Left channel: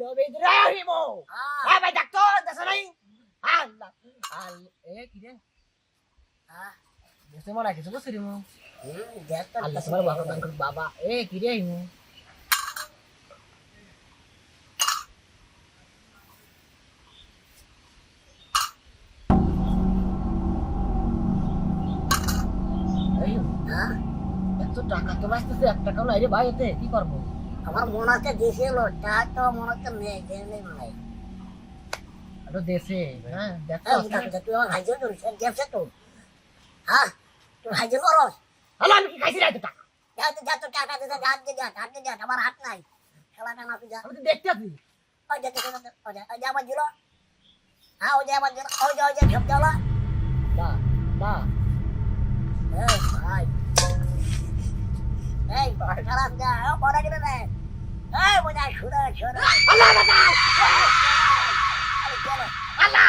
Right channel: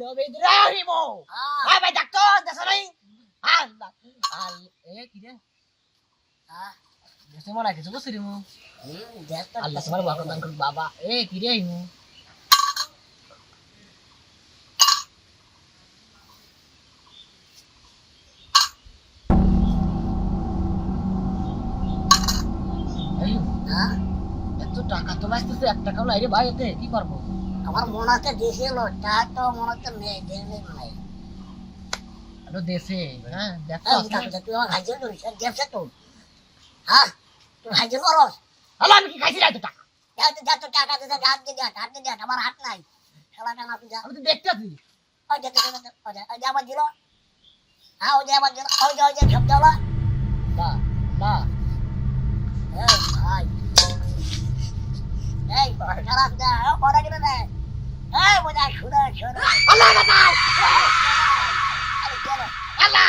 নবী ইব্রাহিম হ্যাঁ ভাই ডাক্তার দেশে নাই আল্লাহ এ কি রে দেশে মনে কিছু বসে রে মু আল্লাহ তোমার বাবা দান করুক বাবা এ কি রে মু এই এত টাকা তো বাঁচতেছে 1 টাকাও নাই রে ভাই এতে কি করবো আমার মনে হচ্ছে দিয়েছিল তা তো মনে হচ্ছে নেই দেয়নি মনে হয় আরে দেশে হ্যাঁ দেখো তুই আমার হাইজেল করিস দেশে তো হ্যাঁ তুই হাইজেল করস হ্যালো আমি কি খাইছি রে এত টাকা যা তো টাকা দিতে হাত দিয়ে আমার হাত নাই খেলাটা না তুই যা আমি তো দেখতে আছি ওই যে আমার দিল হ্যাঁ ওই যে আমার দিল ওই যে সব দেওয়া না না এই ভাই এই খারাপ যা পড়া গেলে না এই বোঝা শুনে আল্লাহ বাবা আরে চলো আল্লাহ